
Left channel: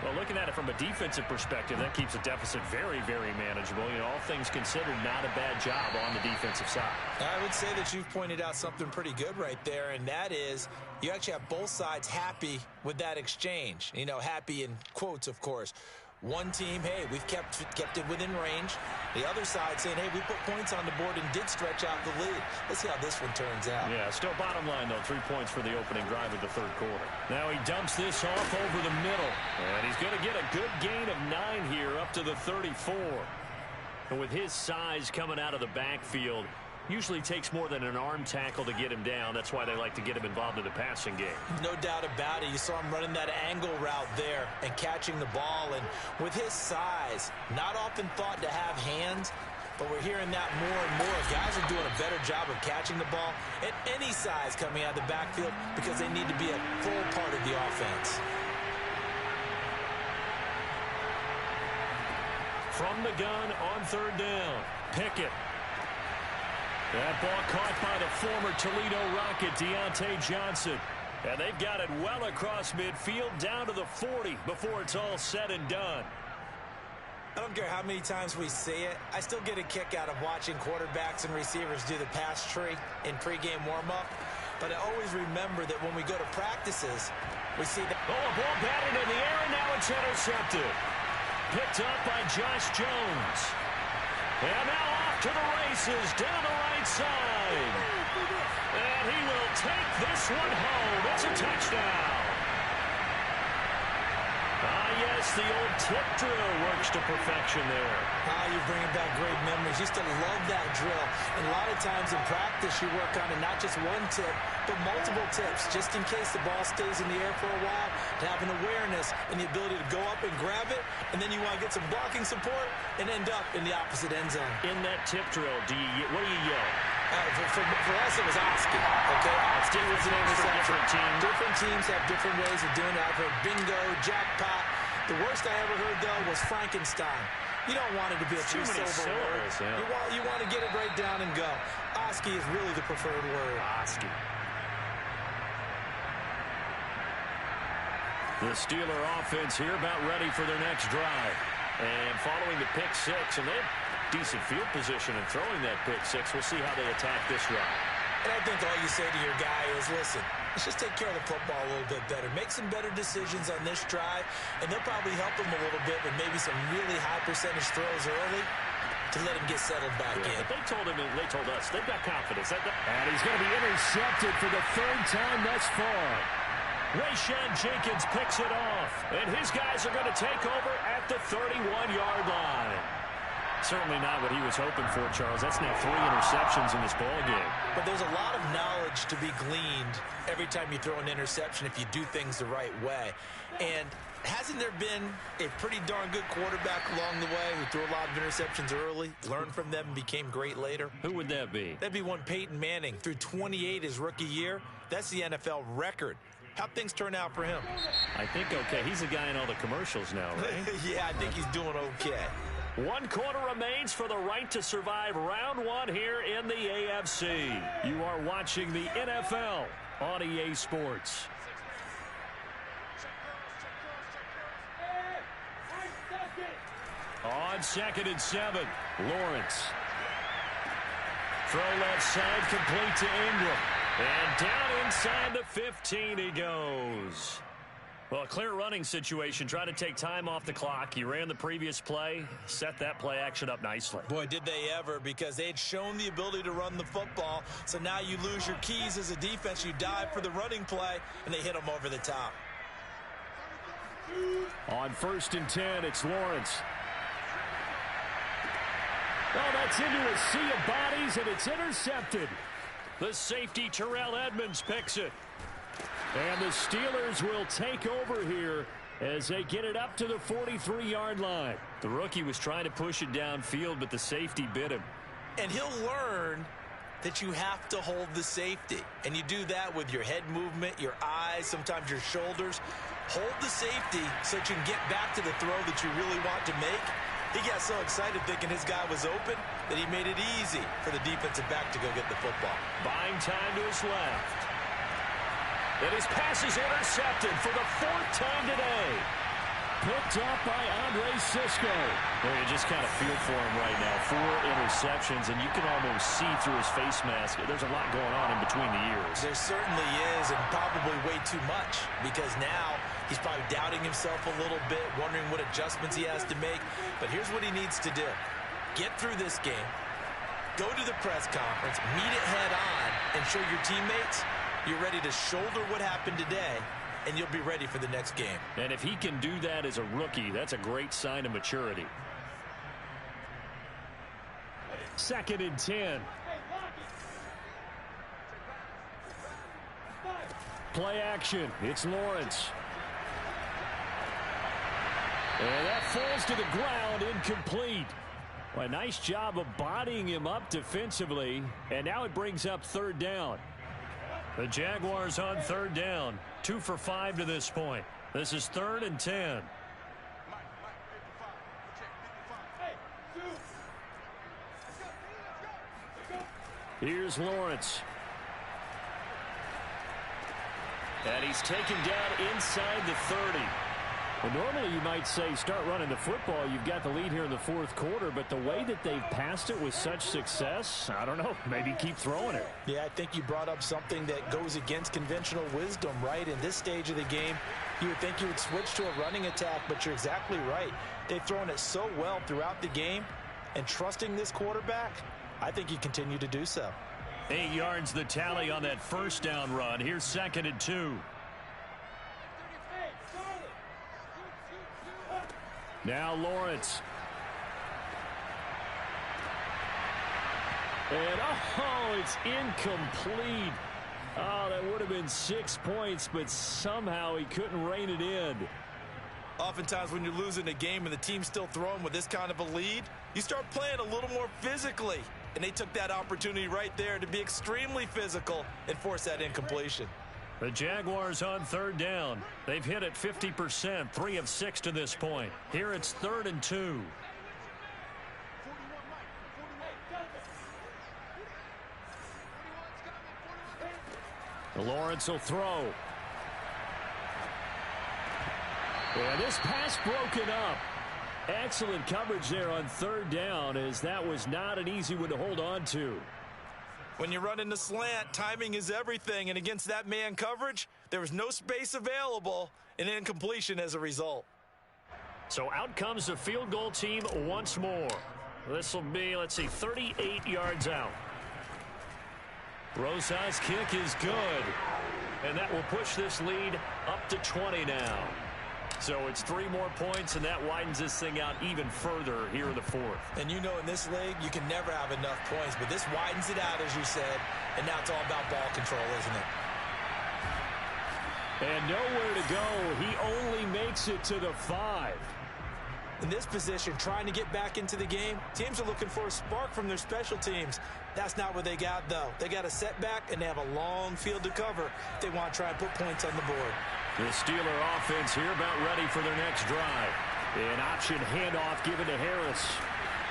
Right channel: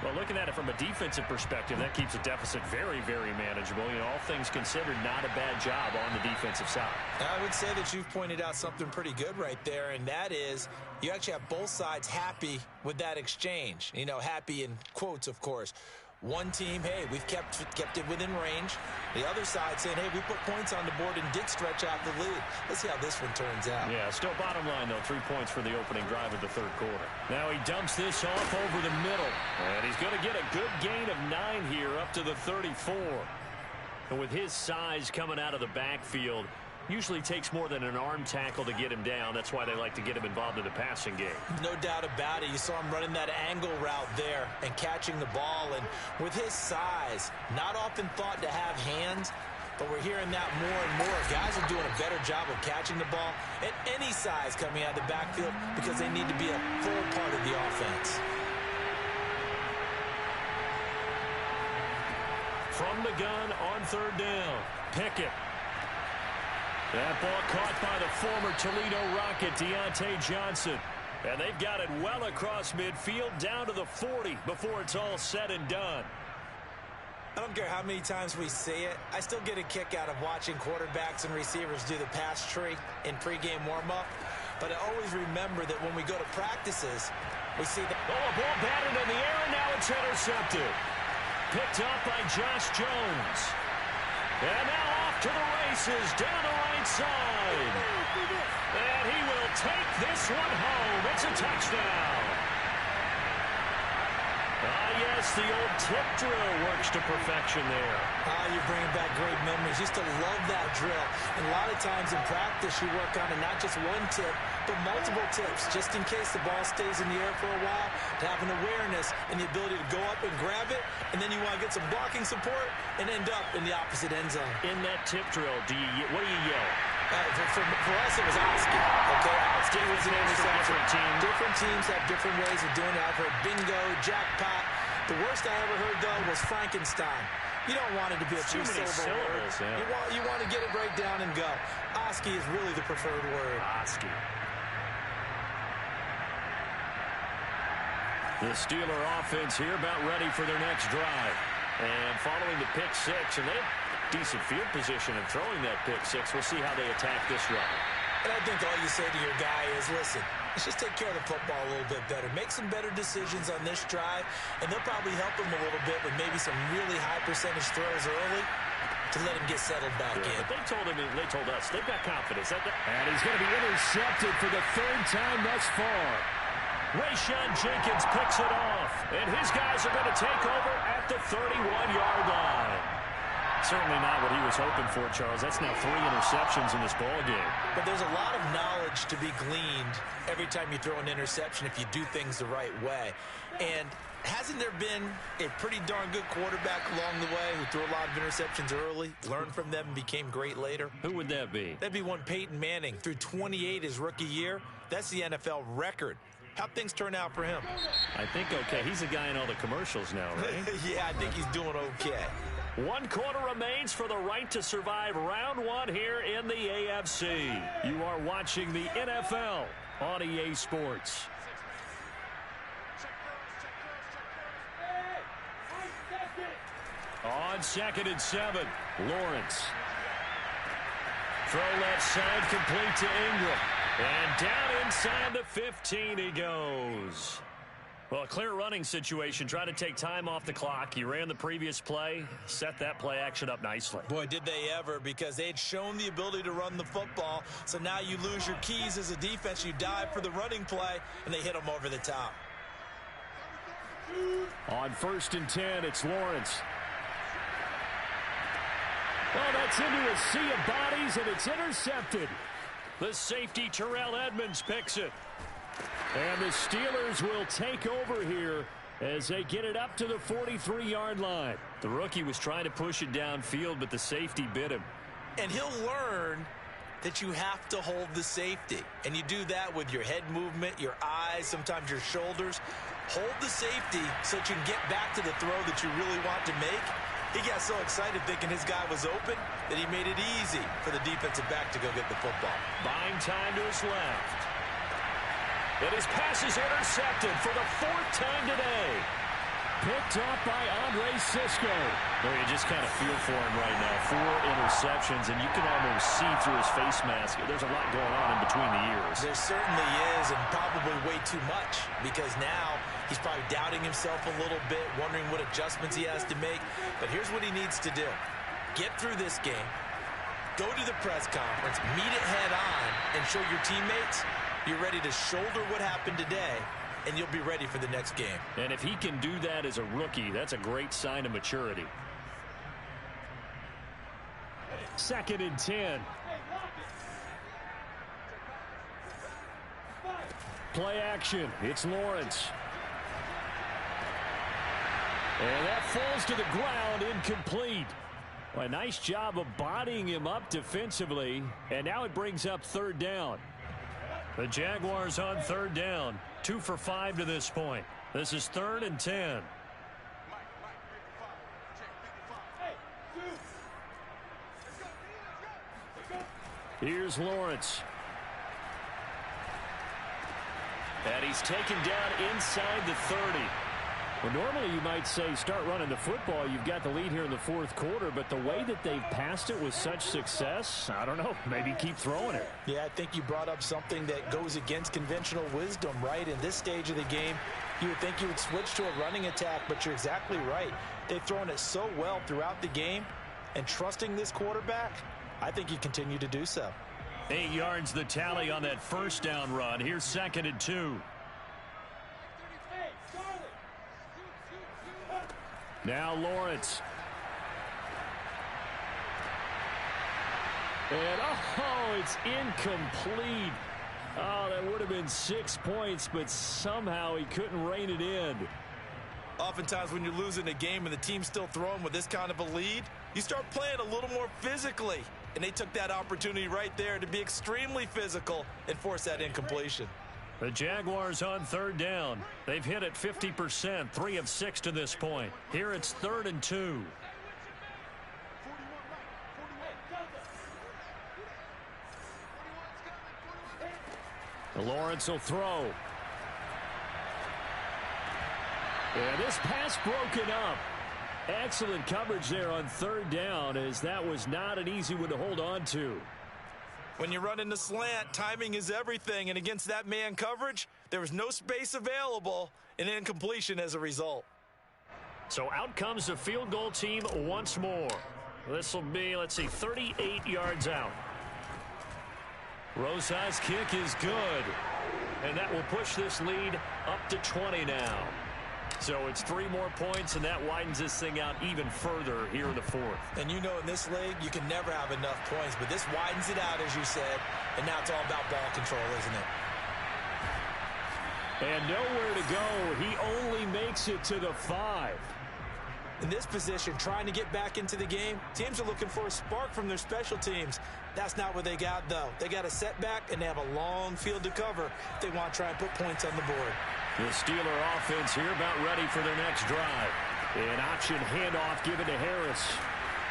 Well, looking at it from a defensive perspective, that keeps the deficit very, very manageable. You know, all things considered, not a bad job on the defensive side. I would say that you've pointed out something pretty good right there, and that is you actually have both sides happy with that exchange. You know, happy in quotes, of course. One team, hey, we've kept it within range. The other side saying, hey, we put points on the board and did stretch out the lead. Let's see how this one turns out. Yeah, still bottom line, though, 3 points for the opening drive of the 3rd quarter. Now he dumps this off over the middle. And he's going to get a good gain of 9 here up to the 34. And with his size coming out of the backfield, usually takes more than an arm tackle to get him down. That's why they like to get him involved in the passing game. No doubt about it. You saw him running that angle route there and catching the ball. And with his size, not often thought to have hands, but we're hearing that more and more. Guys are doing a better job of catching the ball at any size coming out of the backfield because they need to be a full part of the offense. From the gun on 3rd down, Pickett. That ball caught by the former Toledo Rocket, Deontay Johnson. And they've got it well across midfield down to the 40 before it's all said and done. I don't care how many times we see it. I still get a kick out of watching quarterbacks and receivers do the pass tree in pregame warm-up. But I always remember that when we go to practices, we see that. Oh, a ball batted in the air, and now it's intercepted. Picked up by Josh Jones. And now off to the races down the right side. And he will take this one home. It's a touchdown. Ah, yes, the old tip drill works to perfection there. Ah, you're bringing back great memories. Used to love that drill. And a lot of times in practice, you work on it, not just one tip, but multiple tips, just in case the ball stays in the air for a while, to have an awareness and the ability to go up and grab it, and then you want to get some blocking support and end up in the opposite end zone. In that tip drill, what do you yell? For us, it was Oski. Okay, Oski was an interception. Different teams have different ways of doing it. I've heard bingo, jackpot. The worst I ever heard, though, was Frankenstein. You don't want it to be a three-syllable word. Yeah. You want to get it right down and go. Oski is really the preferred word. Oski. The Steeler offense here about ready for their next drive. And following the pick six, and they have decent field position in throwing that pick six. We'll see how they attack this drive. And I think all you say to your guy is, listen, let's just take care of the football a little bit better. Make some better decisions on this drive, and they'll probably help him a little bit with maybe some really high percentage throws early to let him get settled back in. But they told us, they've got confidence. And he's going to be intercepted for the 3rd time thus far. Rayshawn Jenkins picks it off, and his guys are going to take over at the 31-yard line. Certainly not what he was hoping for, Charles. That's now 3 interceptions in this ball game. But there's a lot of knowledge to be gleaned every time you throw an interception if you do things the right way. And hasn't there been a pretty darn good quarterback along the way who threw a lot of interceptions early, learned from them, and became great later? Who would that be? That'd be one Peyton Manning. Threw 28 his rookie year. That's the NFL record. How'd things turn out for him? I think okay. He's a guy in all the commercials now, right? Yeah, I think he's doing okay. 1 quarter remains for the right to survive round 1 here in the AFC. You are watching the NFL on EA Sports. On 2nd and 7, Lawrence. Throw left side, complete to Ingram. And down inside the 15 he goes. Well, a clear running situation. Try to take time off the clock. You ran the previous play, set that play action up nicely. Boy, did they ever, because they had shown the ability to run the football. So now you lose your keys as a defense. You dive for the running play, and they hit them over the top. On 1st and 10, it's Lawrence. Oh, that's into a sea of bodies, and it's intercepted. The safety, Terrell Edmonds, picks it. And the Steelers will take over here as they get it up to the 43-yard line. The rookie was trying to push it downfield, but the safety bit him. And he'll learn that you have to hold the safety. And you do that with your head movement, your eyes, sometimes your shoulders. Hold the safety so that you can get back to the throw that you really want to make. He got so excited thinking his guy was open that he made it easy for the defensive back to go get the football. Buying time to his left. And his pass is intercepted for the 4th time today. Picked up by Andre Sisco. Well, you just kind of feel for him right now. 4 interceptions, and you can almost see through his face mask. There's a lot going on in between the ears. There certainly is, and probably way too much, because now he's probably doubting himself a little bit, wondering what adjustments he has to make. But here's what he needs to do. Get through this game, go to the press conference, meet it head on, and show your teammates you're ready to shoulder what happened today, and you'll be ready for the next game. And if he can do that as a rookie, that's a great sign of maturity. 2nd and 10. Play action. It's Lawrence. And that falls to the ground, incomplete. Well, a nice job of bodying him up defensively, and now it brings up 3rd down. The Jaguars on 3rd down. 2 for 5 to this point. This is 3rd and 10. Here's Lawrence. And he's taken down inside the 30. Well, normally you might say start running the football. You've got the lead here in the 4th quarter, but the way that they've passed it with such success, I don't know, maybe keep throwing it. Yeah, I think you brought up something that goes against conventional wisdom, right? In this stage of the game, you would think you would switch to a running attack, but you're exactly right. They've thrown it so well throughout the game, and trusting this quarterback, I think you continue to do so. 8 yards the tally on that 1st down run. Here's 2nd and 2. Now Lawrence. And, oh, it's incomplete. Oh, that would have been 6 points, but somehow he couldn't rein it in. Oftentimes when you're losing a game and the team's still throwing with this kind of a lead, you start playing a little more physically. And they took that opportunity right there to be extremely physical and force that incompletion. The Jaguars on 3rd down. They've hit it 50%, 3 of 6 to this point. Here it's 3rd and 2. Lawrence will throw. And this pass broken up. Excellent coverage there on 3rd down, as that was not an easy one to hold on to. When you run in the slant, timing is everything, and against that man coverage, there was no space available, and incompletion as a result. So out comes the field goal team once more. This will be, let's see, 38 yards out. Rosa's kick is good, and that will push this lead up to 20 now. So it's 3 more points, and that widens this thing out even further here in the 4th. And you know in this league, you can never have enough points, but this widens it out, as you said, and now it's all about ball control, isn't it? And nowhere to go. He only makes it to the 5. In this position, trying to get back into the game, teams are looking for a spark from their special teams. That's not what they got, though. They got a setback, and they have a long field to cover if they want to try and put points on the board. The Steeler offense here about ready for their next drive. An option handoff given to Harris.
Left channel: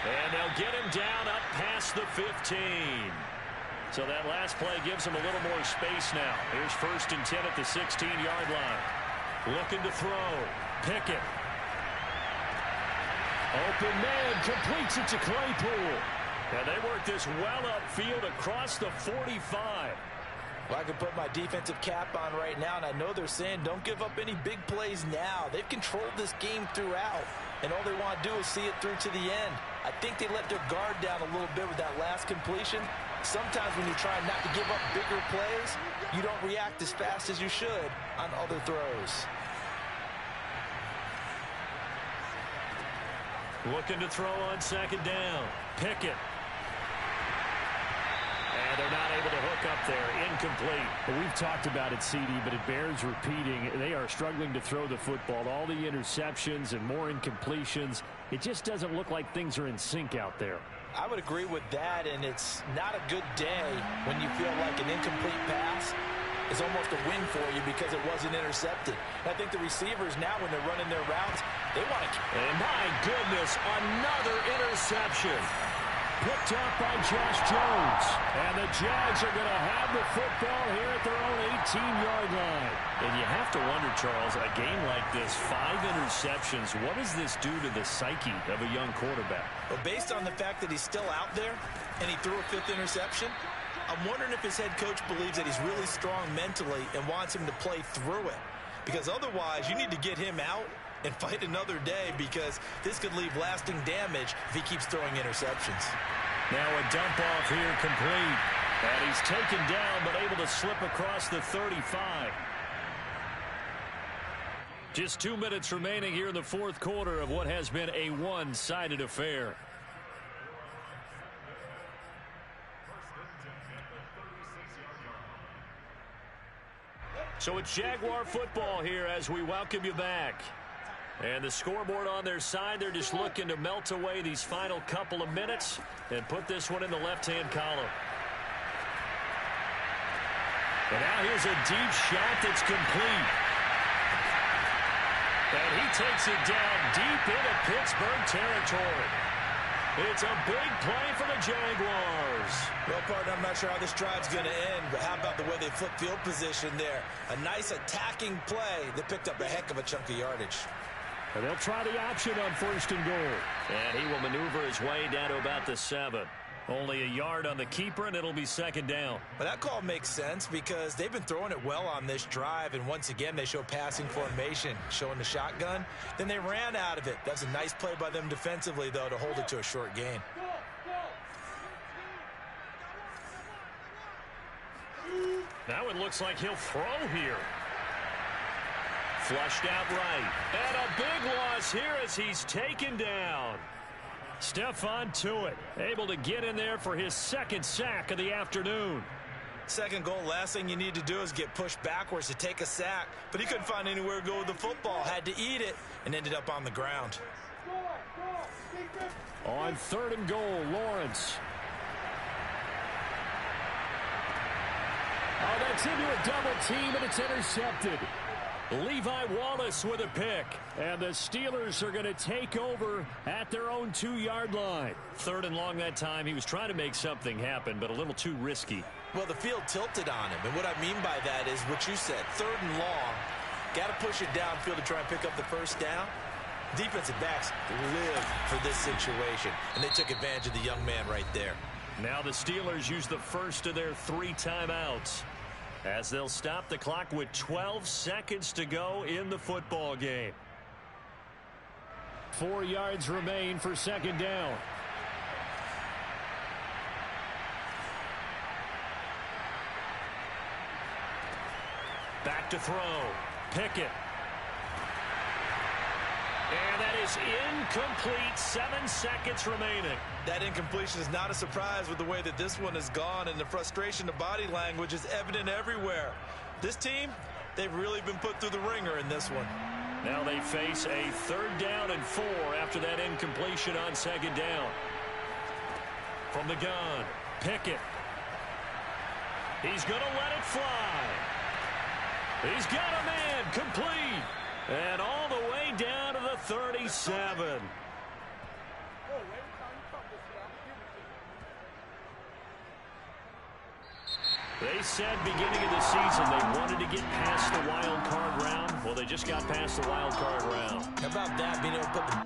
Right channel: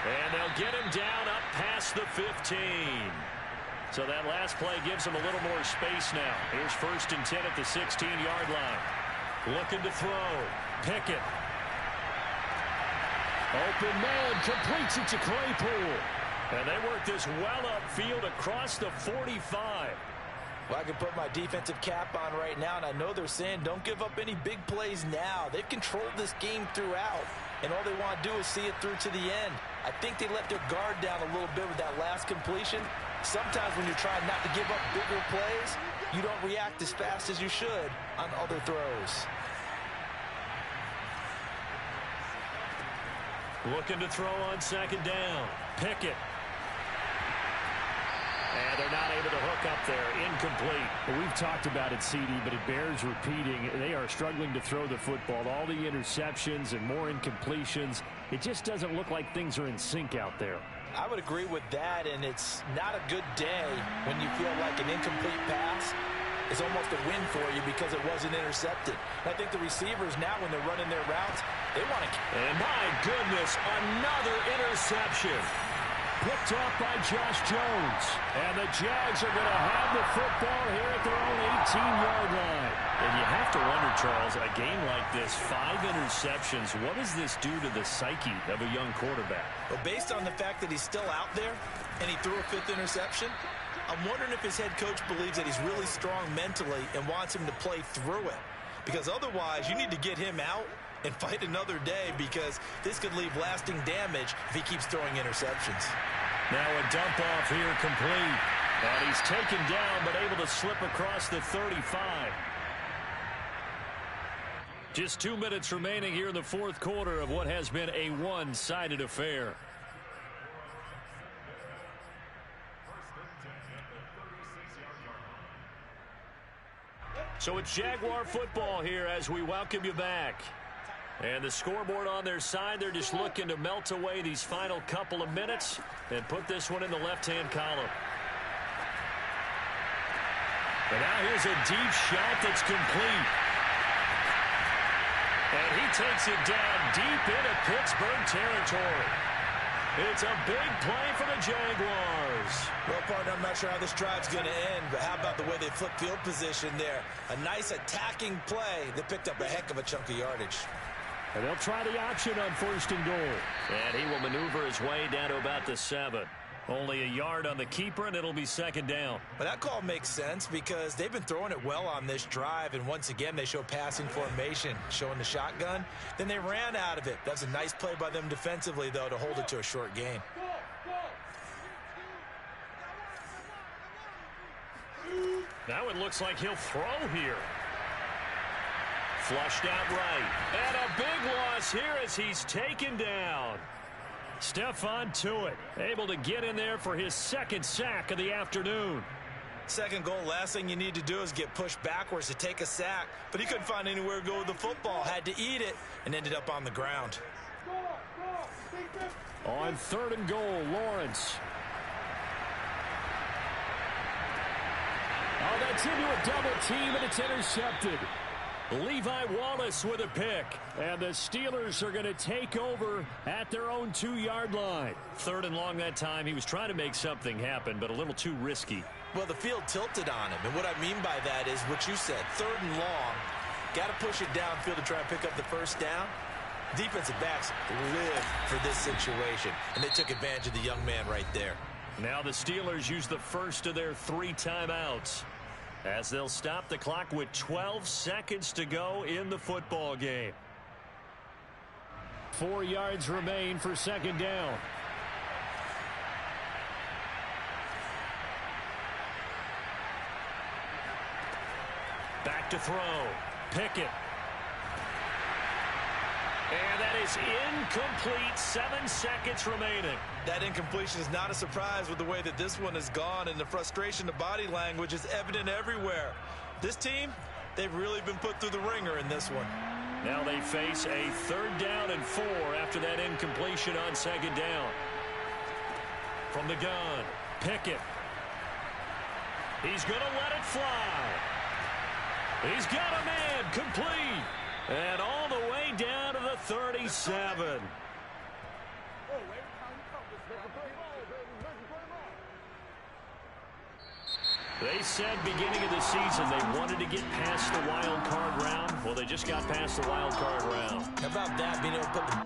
And they'll get him down up past the 15. So that last play gives them a little more space now. Here's 1st and 10 at the 16-yard line. Looking to throw. Pickett. Open man, completes it to Claypool. And they work this well upfield across the 45. Well, I can put my defensive cap on right now, and I know they're saying don't give up any big plays now. They've controlled this game throughout, and all they want to do is see it through to the end. I think they let their guard down a little bit with that last completion. Sometimes when you're trying not to give up bigger plays, you don't react as fast as you should on other throws. Looking to throw on second down. Pickett. And they're not able to hook up there. Incomplete. Well, we've talked about it, CD, but it bears repeating. They are struggling to throw the football. All the interceptions and more incompletions. It just doesn't look like things are in sync out there. I would agree with that, and it's not a good day when you feel like an incomplete pass is almost a win for you because it wasn't intercepted. And I think the receivers now, when they're running their routes, they want to... And my goodness, another interception. Picked off by Josh Jones. And the Jags are going to have the football here at their own 18-yard line. And you have to wonder, Charles, a game like this, 5 interceptions, what does this do to the psyche of a young quarterback? Well, based on the fact that he's still out there and he threw a 5th interception, I'm wondering if his head coach believes that he's really strong mentally and wants him to play through it. Because otherwise, you need to get him out and fight another day, because this could leave lasting damage if he keeps throwing interceptions. Now a dump off here complete. And he's taken down but able to slip across the 35. Just 2 minutes remaining here in the fourth quarter of what has been a one-sided affair. So it's Jaguar football here as we welcome you back. And the scoreboard on their side, they're just looking to melt away these final couple of minutes and put this one in the left-hand column. And now here's a deep shot that's complete. And he takes it down deep into Pittsburgh territory. It's a big play for the Jaguars. Well, partner, I'm not sure how this drive's going to end, but how about the way they flip field position there? A nice attacking play that picked up a heck of a chunk of yardage. And they'll try the option on 1st and goal. And he will maneuver his way down to about the 7. Only a yard on the keeper, and it'll be 2nd down. But that call makes sense because they've been throwing it well on this drive, and once again they show passing formation, showing the shotgun. Then they ran out of it. That's a nice play by them defensively, though, to hold it to a short gain. Now it looks like he'll throw here. Flushed out right. And a big loss here as he's taken down. Stephon Tuitt able to get in there for his 2nd sack of the afternoon. 2nd goal, last thing you need to do is get pushed backwards to take a sack. But he couldn't find anywhere to go with the football. Had to eat it and ended up on the ground. On 3rd and goal, Lawrence. Oh, that's into a double team, and it's intercepted. Levi Wallace with a pick. And the Steelers are going to take over at their own 2-yard line. 3rd and long that time. He was trying to make something happen, but a little too risky. Well, the field tilted on him, and what I mean by that is what you said. 3rd and long. Got to push it downfield to try and pick up the 1st down. Defensive backs live for this situation, and they took advantage of the young man right there. Now the Steelers use the first of their 3 timeouts, as they'll stop the clock with 12 seconds to go in the football game. 4 yards remain for 2nd down. Back to throw. Pickett. And that is incomplete. 7 seconds remaining. That incompletion is not a surprise with the way that this one has gone, and the frustration, the body language is evident everywhere. This team, they've really been put through the ringer in this one. Now they face a 3rd down and 4 after that incompletion on 2nd down. From the gun, Pickett. He's going to let it fly. He's got a man, complete. And all the way down to the 37. They said beginning of the season they wanted to get past the wild card round. Well, they just got past the wild card round. How about that, being able to put the